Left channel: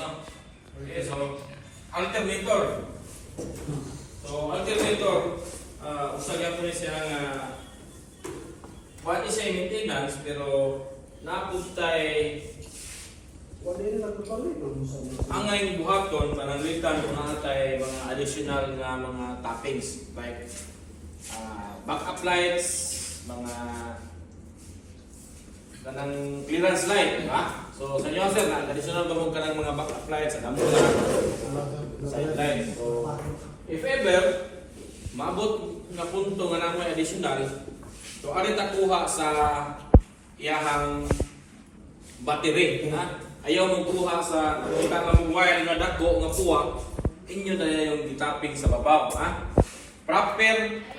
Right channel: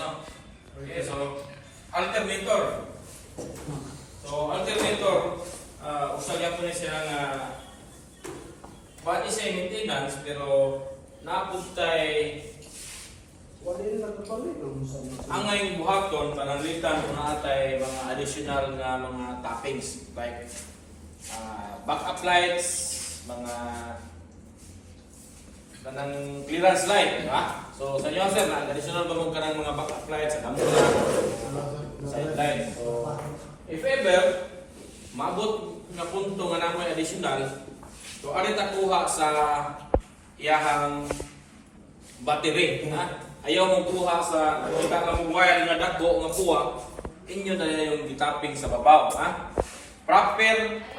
no? Okay, so alternator. So alternator, usagan ko na siya nga pati sa maintenance pero napuntay ang ngayon buhaton pananglitan kung natay mga additional na mga toppings like backup lights, mga kanang clearance light, ha? So sa inyo sir, additional ba mong kanang mga backup lights sa damo na side light. So if ever maabot nga punto nga namon additional, so ano takuha sa iyahang battery, ha? Ayaw mong kuha sa kakang wire nga dako nga kuha, inyo na yung gitapping sa babaw, ha? Proper